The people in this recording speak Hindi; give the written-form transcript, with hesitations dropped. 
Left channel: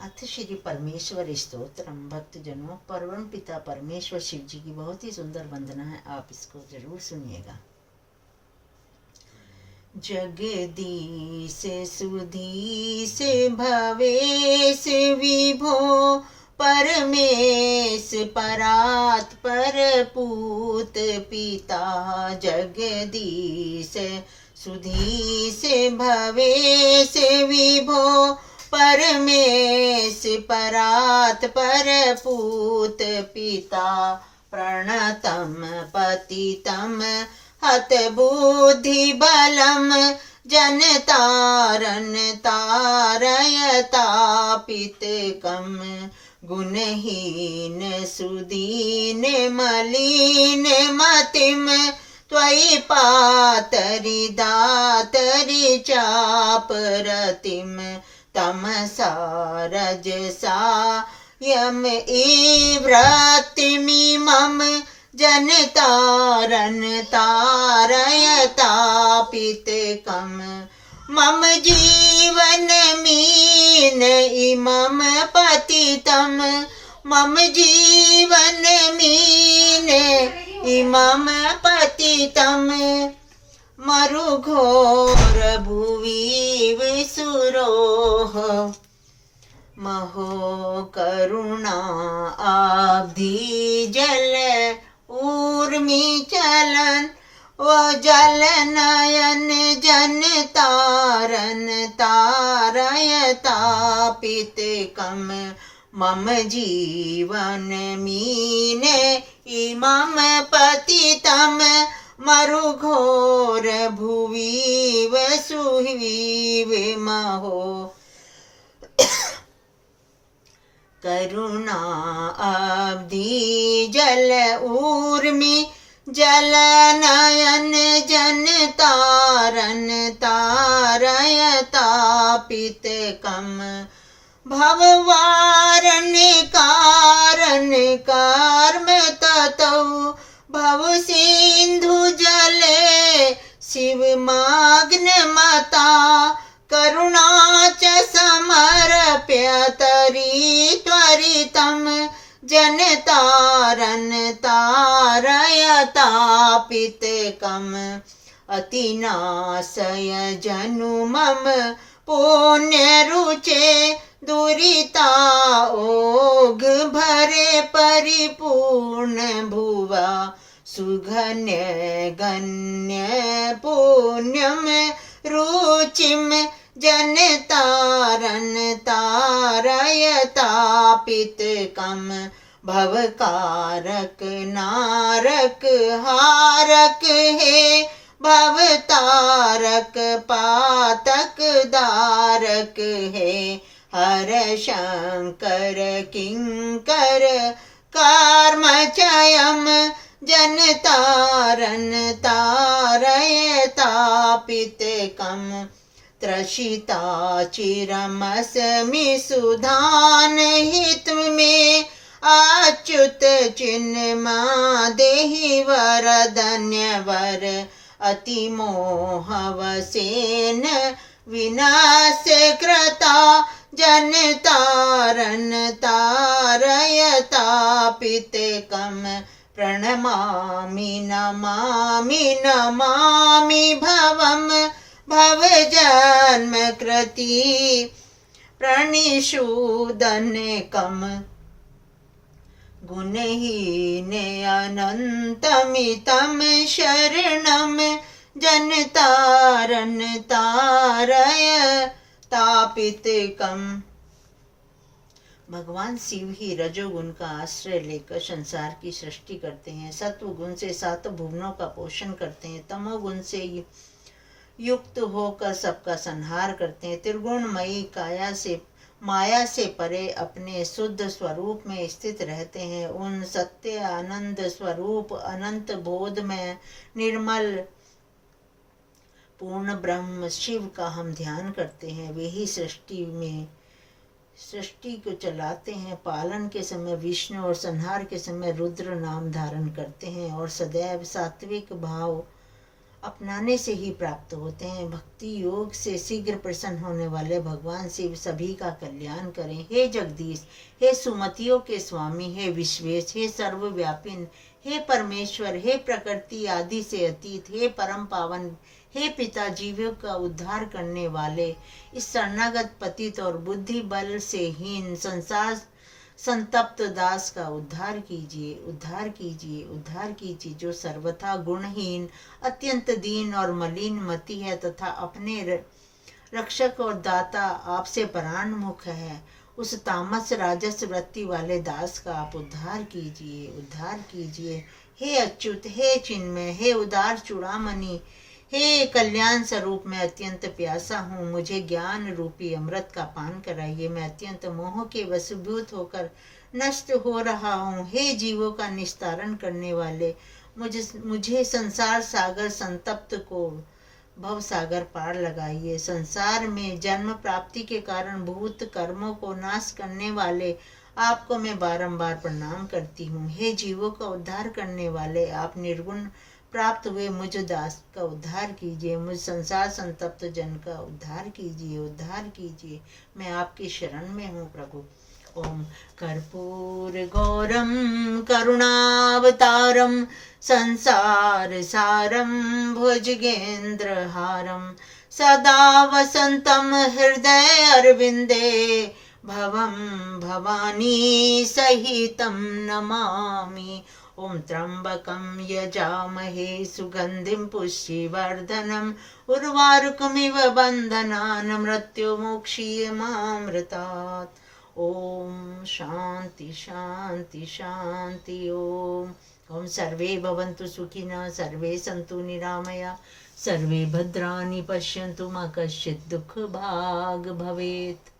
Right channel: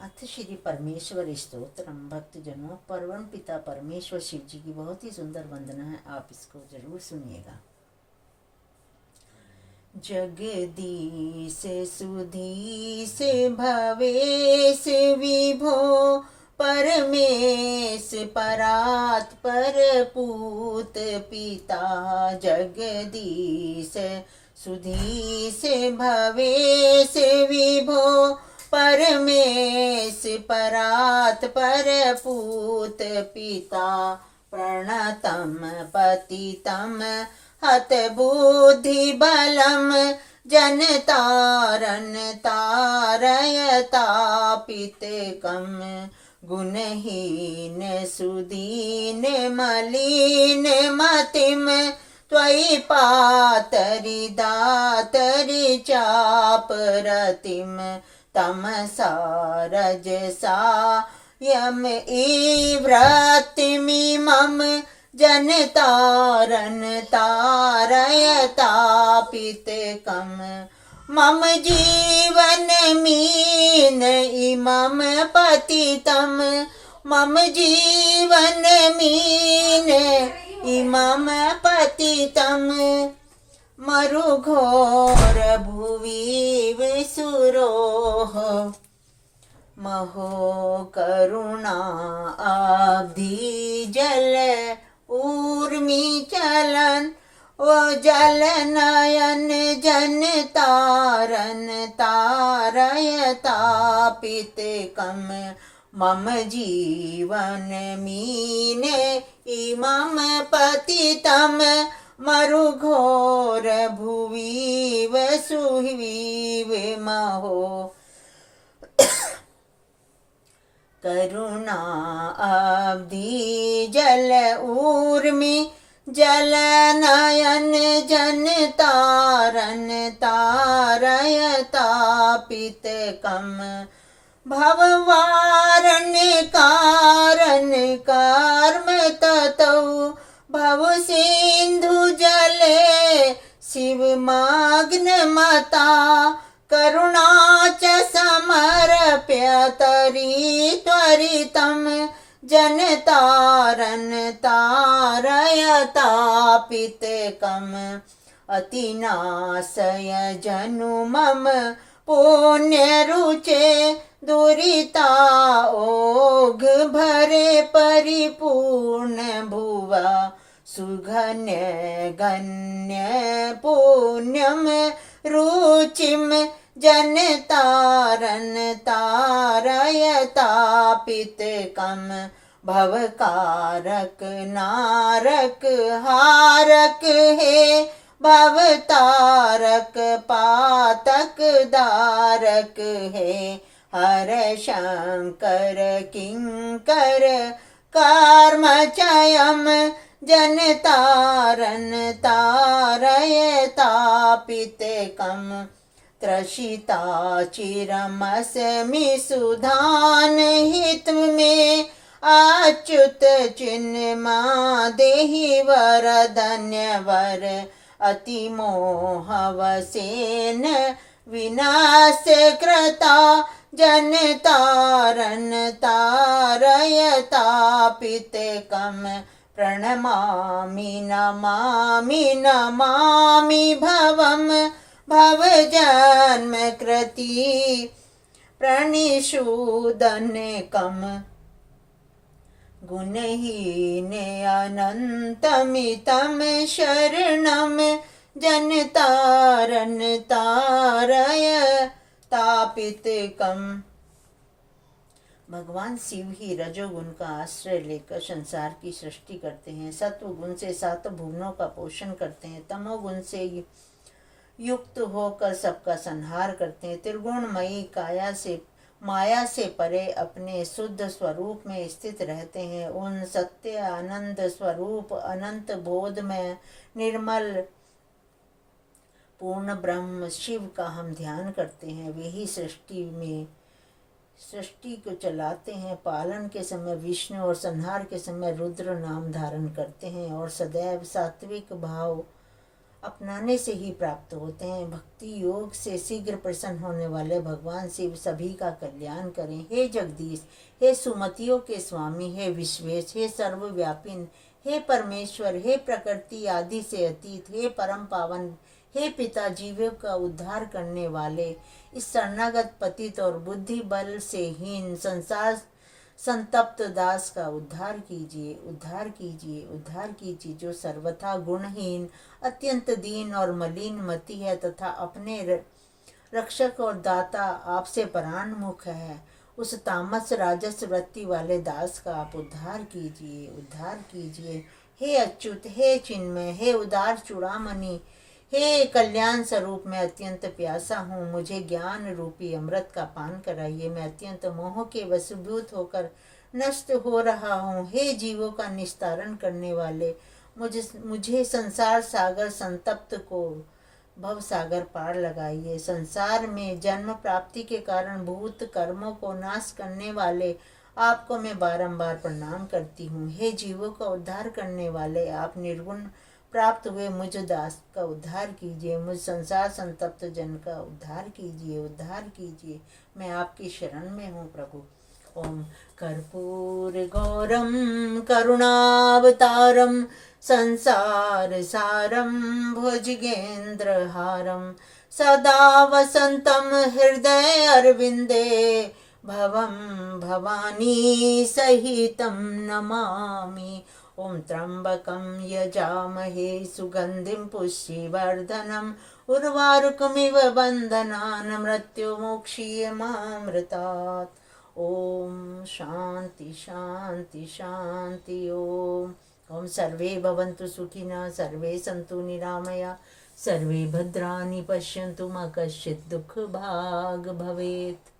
अथ श्री परमेश्वर स्तोत्रम। भक्तजनों, परम पिता परमेश्वर शिव जी की बहुत ही सुंदर वंदना है, आप इसको जरूर सुनिएगा। जगदीश सुधीश भवेश विभो परमेश परात् परपूत पिता। जगदीश सुधीश भवेश विभो परमेश परात् परपूत पिता। प्रणतं पतितं हत बुद्धि बलम जनतारन तारयतापितकम। गुणहीन सुदीन मलिन मतिम त्वयि पातरि दातरि चापरतिम। तमसा रजसा यम इव्रतिमिमं जनतारन तारयतापितकम। मम जीवन मीन इमं पतितं। मम जीवन मीन इमं पतितं। मरुघोर भुवि विसुरोः महो करुणा आब्धि जल ऊर्मि चलन। ओ जल नयन जन तारन तारयतापितकम। मम जीवन मीने इमं पतितं। मरुघोर भुवि वसुविव महो करुणा अब्धि जल ऊर्मि जल नयन जन तारन तारयतापितकम। भववारण कारण कर्म ततौ भव सिंधु जले शिवमग्न मता। करुणा च समर्प्य त्वरितं जनतारन तारयतापितकम। अतिनाशय जनु मम पुण्यरुचे दुरिता ओघ भरे परिपूर्ण भुवा। सुगन्य गण्य पुण्यम रुचिम जनतारन तारयतापितकम। भवकारक नारक हारक हे भवतारक पातक दारक हे। हर शंकर किंकर कर्मचयम जनतारन तारयतापितकम। त्रषिता चिरमस्मि सुधान हित में अच्युत चिन्मा देहि वरधन्य वर। अतिमोहवसेन विनाश कृता जनतारन तारयतापितकम। प्रणमामि नमामि नमामि भवम भवजन्म कृति प्रणिषूदनकम। गुणहीन अनन्तमितं शरणं जनतारन तारयतापितकम। भगवान शिव ही रजोगुण का आश्रय लेकर संसार की सृष्टि करते हैं। सत्व गुण से सात भुवनों का पोषण करते हैं। तमोगुण से युक्त होकर सबका संहार करते हैं। त्रिगुणमयी काया से माया से परे अपने शुद्ध स्वरूप में स्थित रहते हैं। उन सत्य आनंद स्वरूप अनंत बोध में निर्मल पूर्ण ब्रह्म शिव का हम ध्यान करते हैं। वे ही सृष्टि को चलाते हैं। पालन के समय विष्णु और संहार के समय रुद्र नाम धारण करते हैं और सदैव सात्विक भाव अपनाने से ही प्राप्त होते हैं। भक्ति योग से शीघ्र प्रसन्न होने वाले भगवान शिव सभी का कल्याण करें। हे जगदीश, हे सुमतियों के स्वामी, हे विश्वेश, हे सर्वव्यापी, हे परमेश्वर, हे प्रकृति आदि से अतीत, हे परम पावन, हे पिता, जीवों का उद्धार करने वाले, इस शरणागत पतित और बुद्धि बल से हीन संसार संतप्त दास का उद्धार कीजिए, उद्धार कीजिए, उद्धार कीजिए, जो सर्वथा गुणहीन, अत्यंत दीन और मलिन मति है तथा अपने रक्षक और दाता आपसे परान्मुख है। उस तामस राजस वृत्ति वाले दास का आप उद्धार कीजिए, उद्धार कीजिए। हे अच्युत, हे चिन्मय, हे उदार चूड़ामणि, हे कल्याण स्वरूप, मैं अत्यंत प्यासा हूँ, मुझे ज्ञान रूपी अमृत का पान कराइए। मैं अत्यंत मोह के वशीभूत होकर नष्ट हो रहा हूँ। हे जीवों का निस्तारण करने वाले, मुझे संसार सागर संतप्त को भव सागर पार लगाइए। संसार में जन्म प्राप्ति के कारण भूत कर्मों को नाश करने वाले आपको मैं बारंबार प्रणाम करती हूँ। हे जीवों का उद्धार करने वाले, आप निर्गुण प्राप्त हुए मुझ दास का उद्धार कीजिए, मुझ संसार संतप्त जन का उद्धार कीजिए, उद्धार कीजिए। मैं आपकी शरण में हूँ प्रभु। ओम कर्पूर गौरम करुणावतारम संसार सारम भुजगेन्द्रहारम सदा वसंतम हृदय अरविंदे भवम भवानी सहितं नमामि। ओम त्र्यंबकं यजामहे सुगंधिं पुष्टिवर्धनम् उर्वारुकमिव बन्धनान् मृत्युमुक्षीयमामृतात्। ओम शांति शांति शांति। ओम सर्वे भवन्तु सुखिनः, सर्वे सन्तु निरामया, सर्वे भद्राणि पश्यन्तु मा कश्चित् दुःखभाग् भवेत्।